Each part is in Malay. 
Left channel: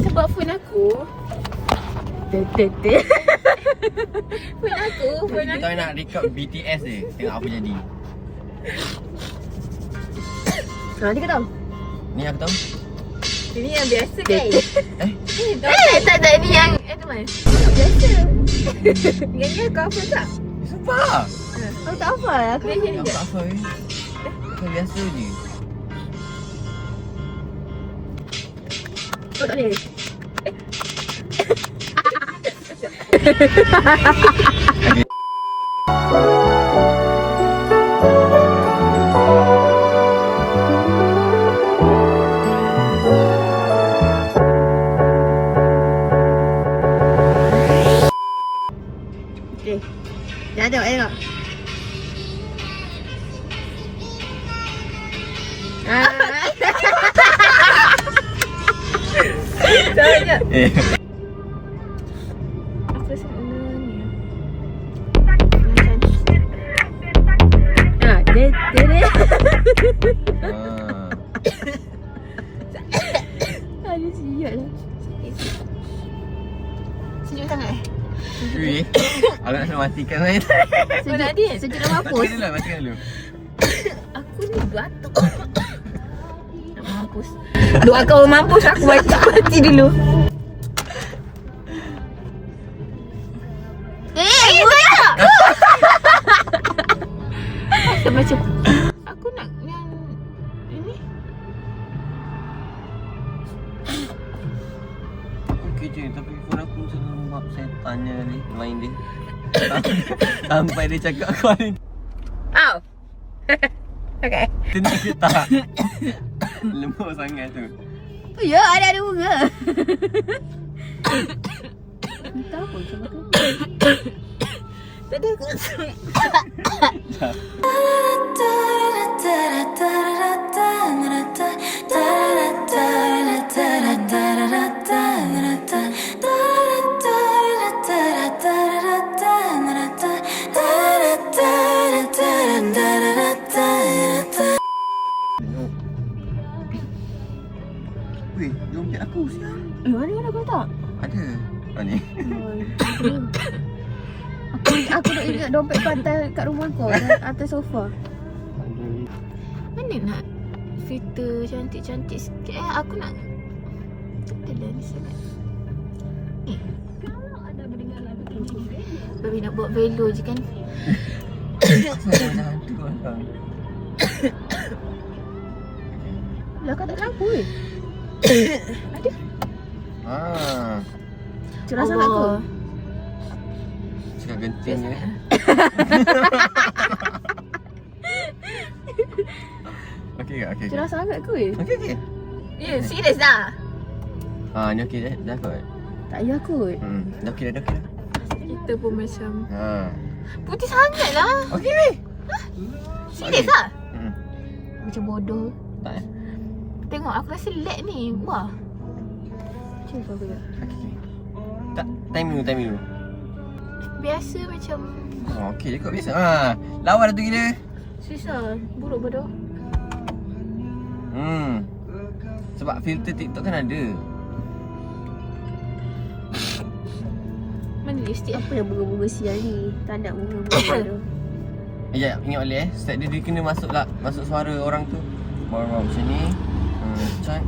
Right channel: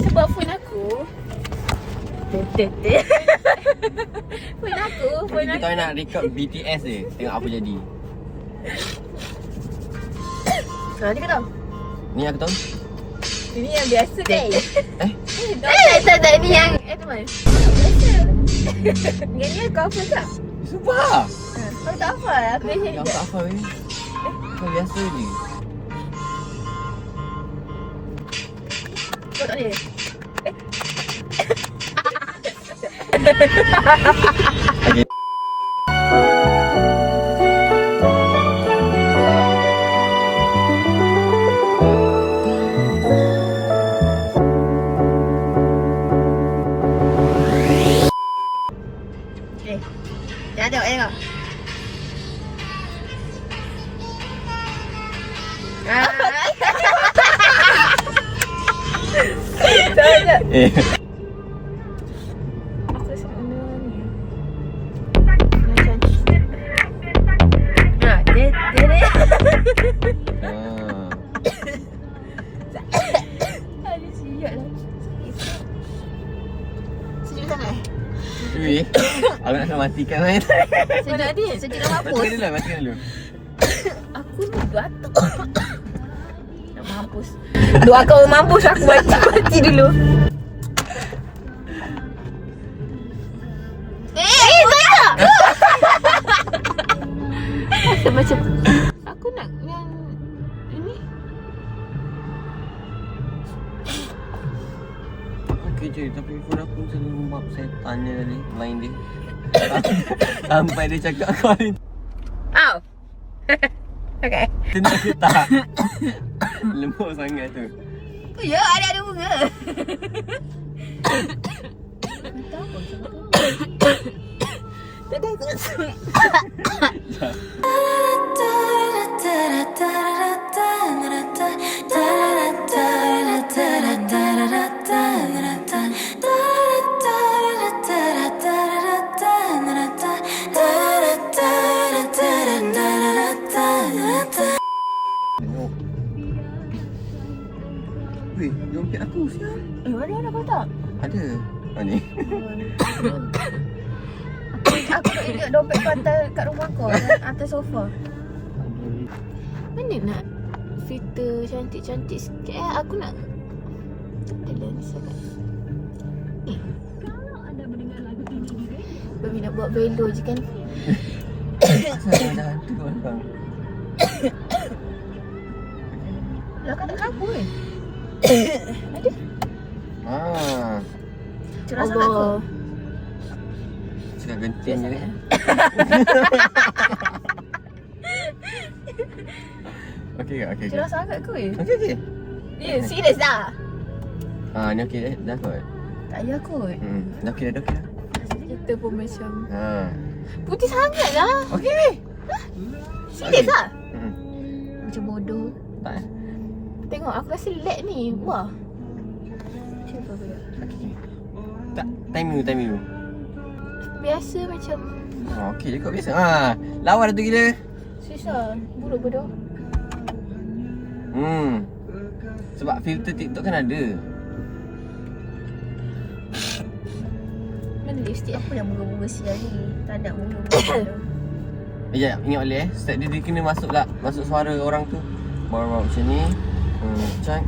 Sebab phone aku Phone aku Kita nak record BTS je. Tengok apa jadi. Ha, dia kata Ni aku tahu. ini yang biasa kan? Tak, ini yang Edmund. Biasa. Ini kau apa tak? Sumpah. Kau tak apa? Aku dah Yang tak apa weh. Kau biasa je. Kau tak boleh? Okay. Jangan tengok. Jangan. Aku sana ni. Dia. Ada siap lah. Sejuk sangat. Weh, aku nak matikan main. Sejuk dia. Sejuk dalam apa? Matikan dulu. Aku ni batuk. Nak mampus. Doa kau mampus, aku mati dulu. Tak! Macam aku nak yang ini. Okey je, tapi phone aku selalu rumah setannya tadi, main dia. Sampai dia cakap kau ni. Au. Okay. Tenang ke tak? Lembut sangat tu. Oh ya, ada bunga. Entah apa macam tu. Tak ada ke? Weh, dompet aku siap. Mana kau tak? Ada. Oh ni. Aku nak ingat dompet pantai kat rumah kau, atas sofa. Mana nak filter cantik-cantik sikit Aku nak lens ni. Baby nak buat velo je kan. Asal ada hantu orang. Lah kau tak lampu ke? Ada. Cerah sangat tu. Cakap genting je. Okey ke? Okey. Cerah sangat ke? Okey. Ya, serius dah. Ni okey dah kot. Tak payah kot. Dah okey dah. Kita pun macam Putih sangat lah. Okey weh. Serius lah. Macam bodoh. Tak Tengok aku rasa lag ni. Wah. Cuba aku dah. Okey. Tak, time dulu. Biasa macam Okey je kot biasa. Lawa dah tu gila. susah. Buruk bodoh. Sebab filter TikTok kan ada. Mana lipstick apa yang bunga-bunga sial ni? Tak ada bunga-bunga. Ya, ingat balik start dia kena masuk suara orang tu. Baru macam ni. Cak.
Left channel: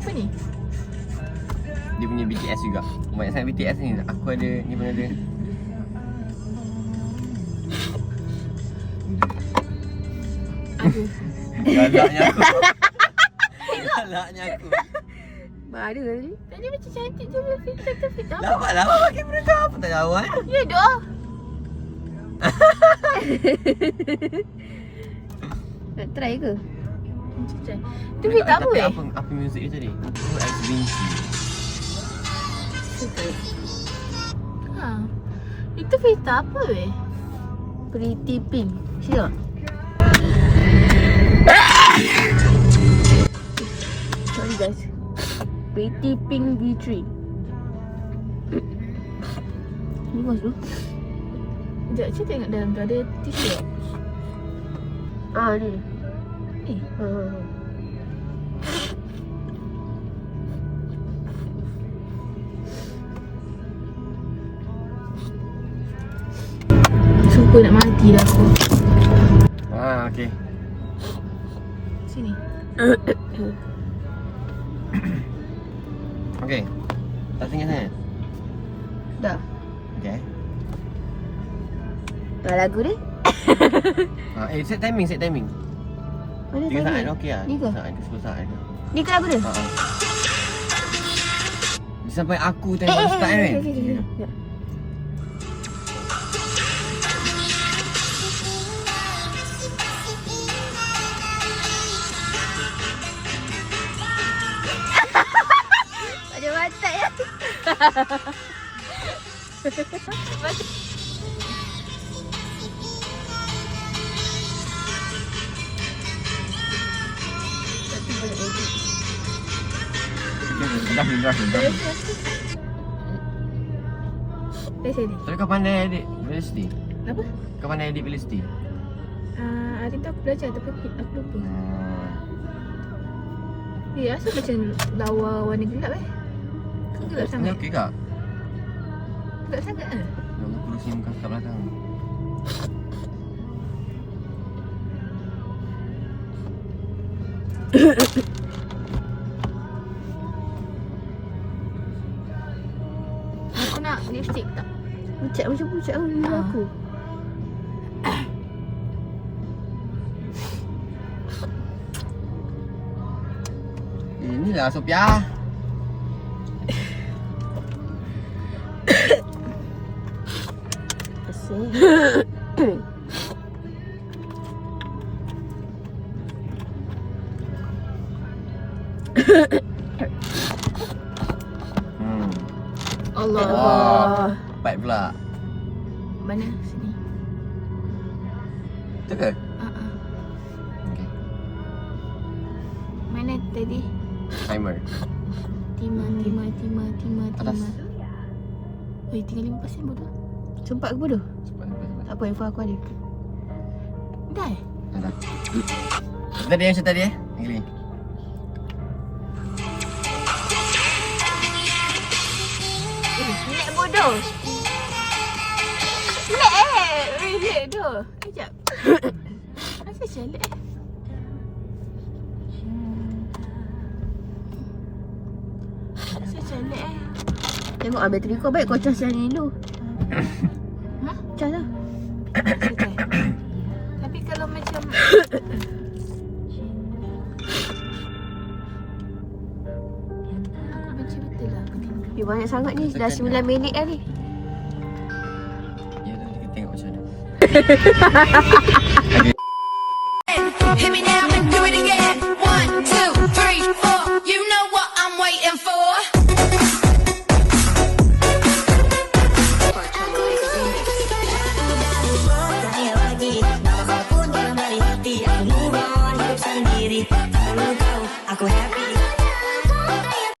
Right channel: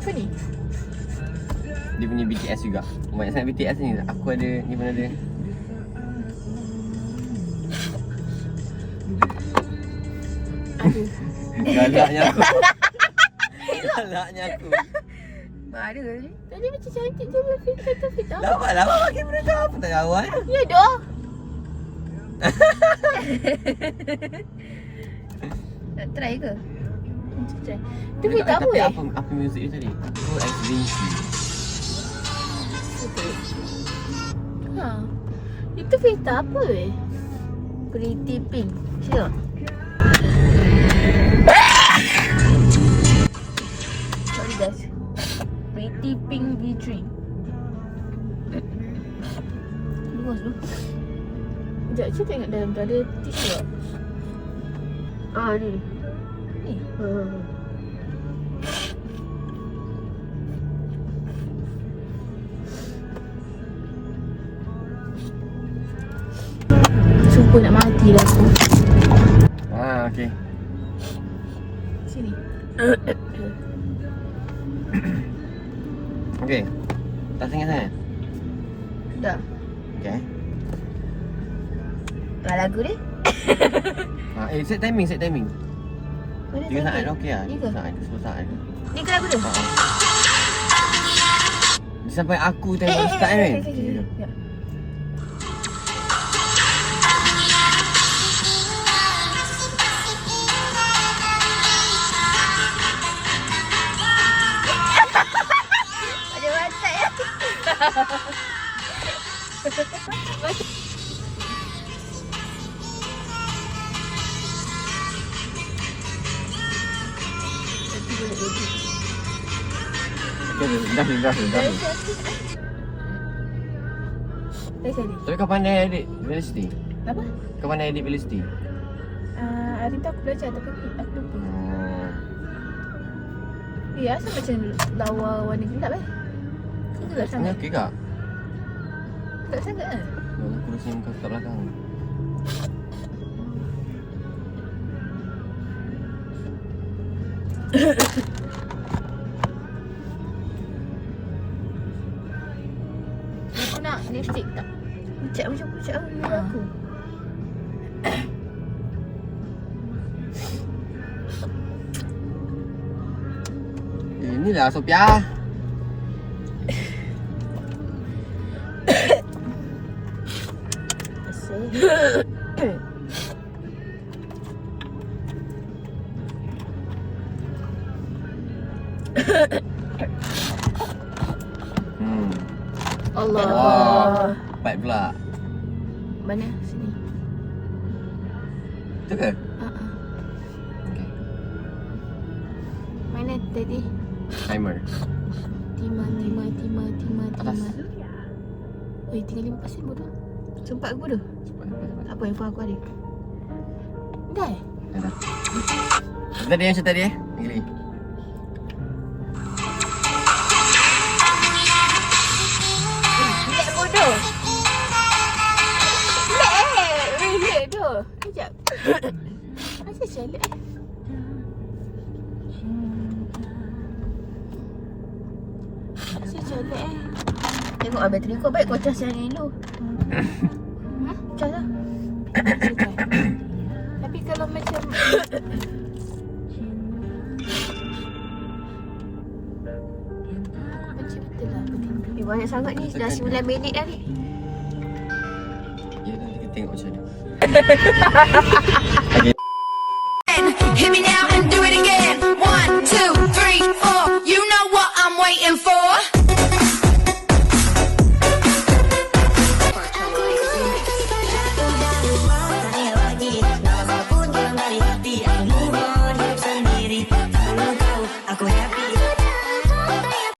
Apa ni? Dia punya BTS juga. Banyak sangat BTS ni. Aku ada, ni pun ada. Galaknya aku. Ada kali. Tadi macam cantik je filter tu filter. Dapat pakai benda kau apa tak kawan? Ya dah. Nak try ke? Try. Tu filter apa Tapi eh? apa muzik dia tadi? Oh, Ex Vinci. Itu filter apa eh? Pretty Pink. Siap. Sorry guys. Pretty Pink V3. Bagus tu. Sekejap, saya tengok dalam tu ada tisu tak? Ni. Sumpah nak mati dah aku. Okey. Sini. Okey. Tak sangat sangat. Dah. Okey. Dah lagu dia. Set timing, set timing. Mana 3 saat okey lah. Ni ke? 3 saat ke 10 saat ke. Ni ke lagu dia? Sampai aku tengok start kan. Okay. Ada watak ya. Dah. Dah jadi. Tapi kau pandai edit velocity? Apa? Kau pandai edit velocity? Hari tu aku belajar tapi aku lupa. Rasa macam lawa warna gelap Kau gelap Ini sangat. okey kak? Tak sangat kan? Aku kurusnya muka kat belakang. Aku nak lipstick tak? Pucat macam pucat aku. Inilah Sophia. Allah. Baik pula. Mana? Sini. Tu ke? Okey. Mana tadi? Timer. Tima. Atas. Oi, tinggal 5% bodoh. Sempat aku bodoh. Cepat. Tak apa, info aku ada. Dah. Dah. Tadi yang macam tadi Lagi. Lag bodoh. Lag tu. Kejap. Macam lag. Macam lag Tengok bateri kau baik, kau cas yang ni dulu. Cas lah. Tapi kalau macam aku benci betul lah benda ni. Banyak sangat ni, dah 9 minit dah ni. Ya dah kita tengok macam mana. Hit me now.